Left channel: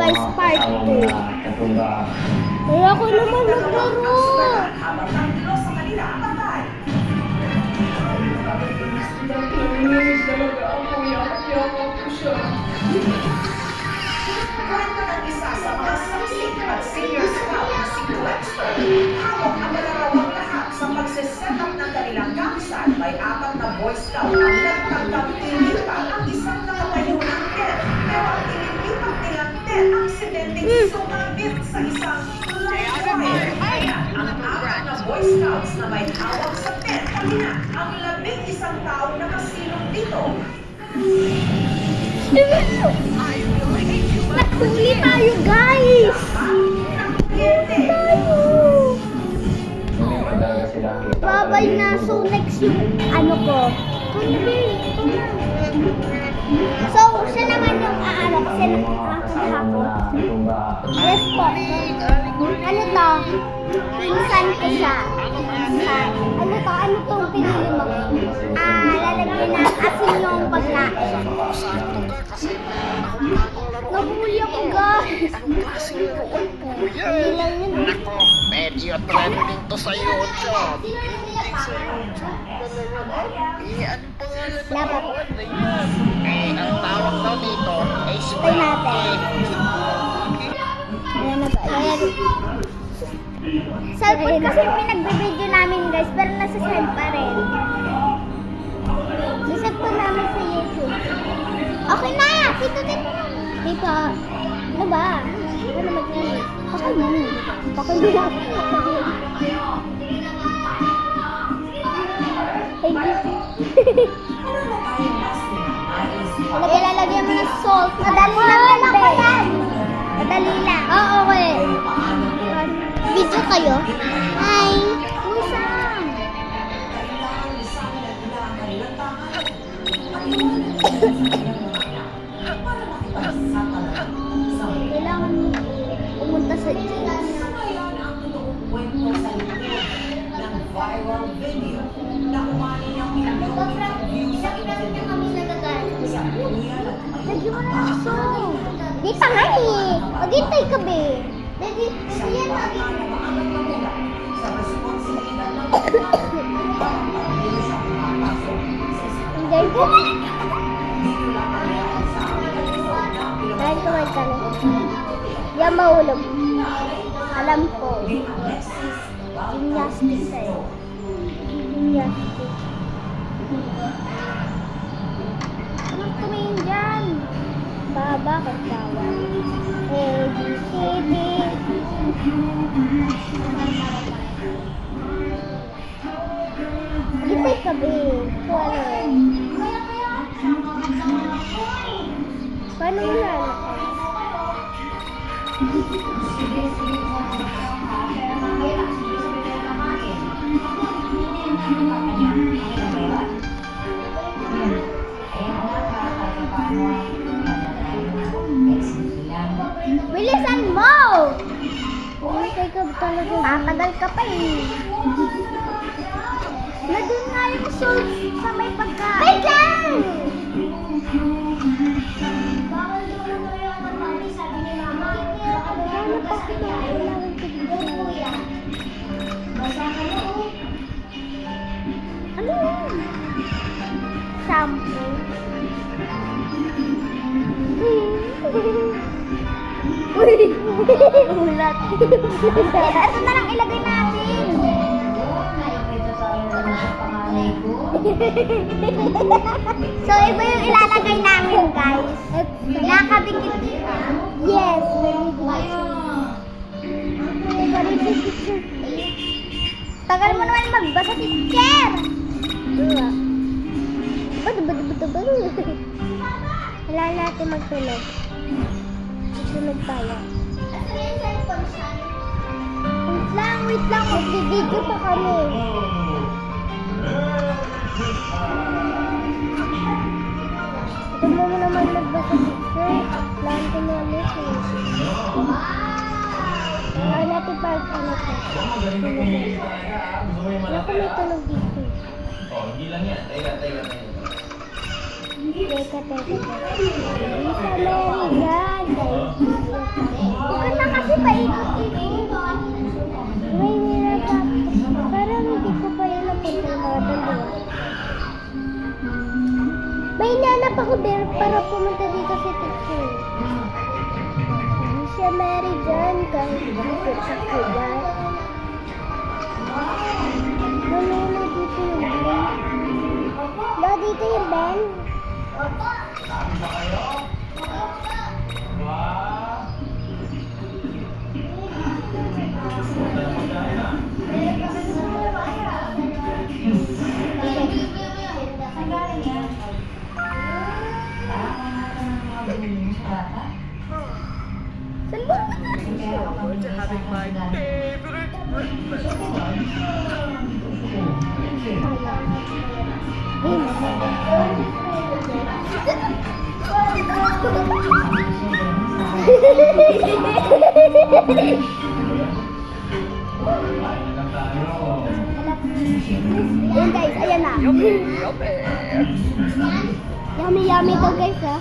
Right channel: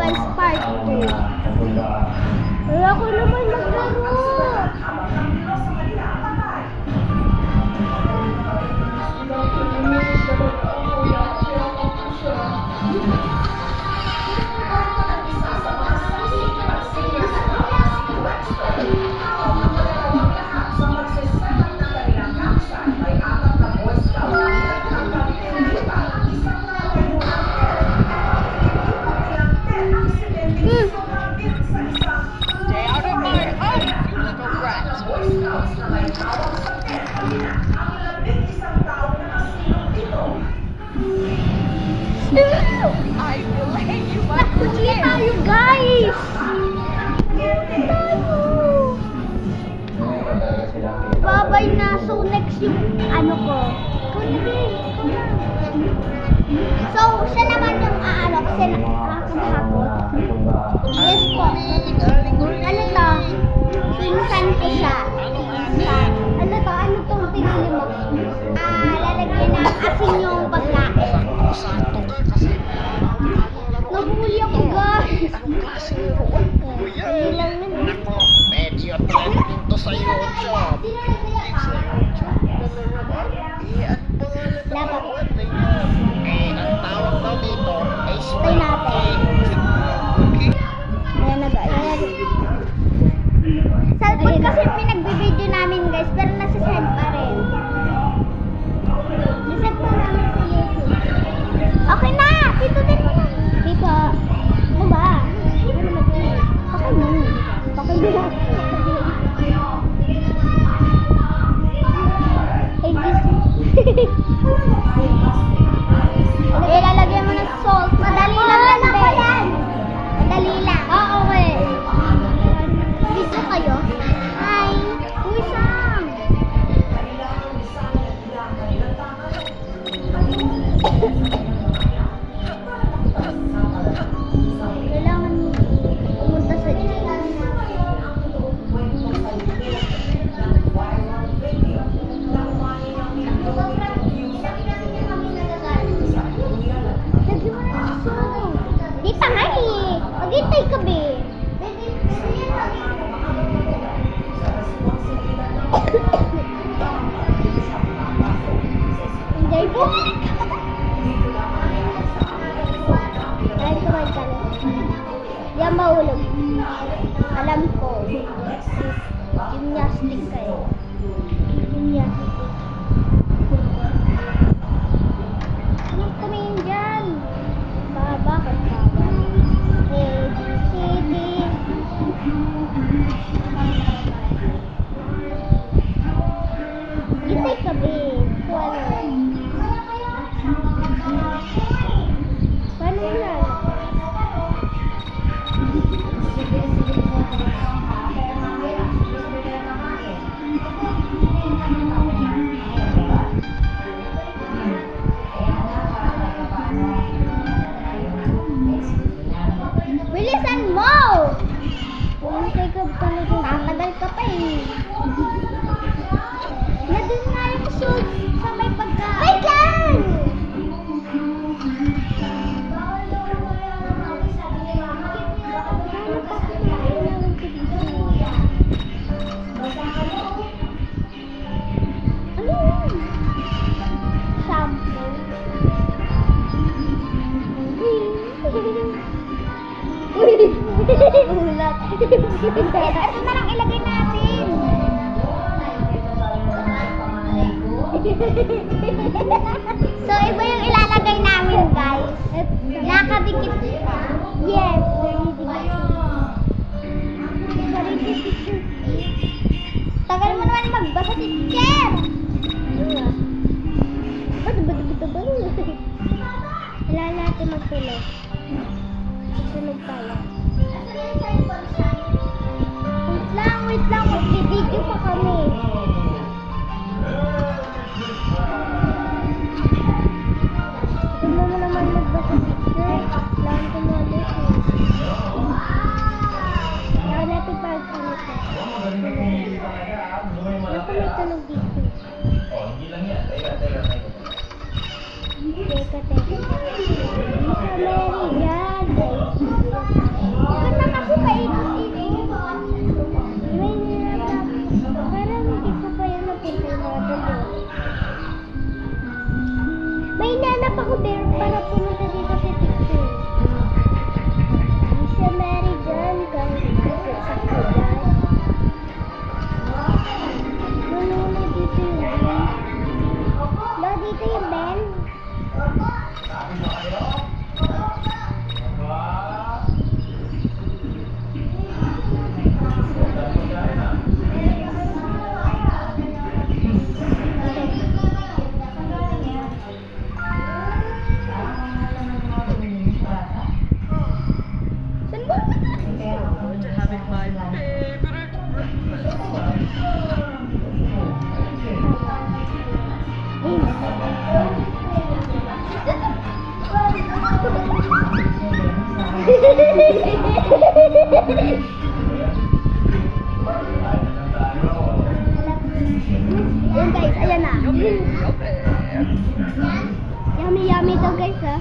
guys, part 2. Kaya ko naman maglaro. Nakuli tayo, guys! Nakuli tayo! Babay na. So, next yung ano ko. Ikaw na, babe. Ikaw na. So, siya naman yung aano kasi nakakahapon. Yes po. Ano to? Pinsan ko siya. Ano to? Ano tong pinili mo? Lalagyan na asin yung pagkain. Nahuli ako, guys. Anong klaseng laruan po yan? Nako, medyo trending to sa YouTube. Trending sa YouTube na laruan. Ano pangalan ng laruan na yan? Ang tawag daw dito ay Try natin. Ayan na, guys. Cellphone kasi pinagbibideo namin, guys, pero nasa send pa rin. Isend po namin sa YouTube. Okay na! Pindutin mo na. Dito. Ano ba? Ano mag-i? Pakal mo. Pakal mo na. Ay, Ilalagyan mo ng salt. Madali lang yan, Ben. Madali lang. Oo, okay. Video kayo? Hi. Uy, Sam. Kailangan mo pumunta sa James. Lagyan mo na ng song. Di pa nga eh. Maghintay ka, be. Hindi po. Kahit tumal ka na. Yan mahulog. Alam ko. Gymnastic kayo. Gymnastic. Anong tumingin dyan? Bakit bawal? A, B, C, D. Hintay ka, babe. Paano mo lalaki? Bilisan mo! Hintay ka talaga. Tatagal ka pa eh. Nandun nga yung salt sa may pagkain. Wait lang! Ano yun? Shampoo. Uy! Ulat. Ito na lang ilagay natin. So, iba yung ilalagay namin, guys. Nakabikit siya. Yes. Tagal mo naman magbasa, teacher. Kailangan natin magtulog. Magtulog tayo. Wait lang. Magbibideo pa kami. Ito mo naman nagbasa, teacher. Kailangan ko na message. Kailangan natin pa ano pa. Wala ko may tulog dito. Hindi lang yan. Teka. Teka. Hindi sa mga yan, guys. ako, Bear, para pumunta dito sa teacher. Si Mary Jane, kahit dito sa kulay. Nangyari dito yung Ben. Ba, dito yung Ben? Saan ba? Forward to having my favorite breakfast. Yun guys, ayan na. Yummy to guys ha.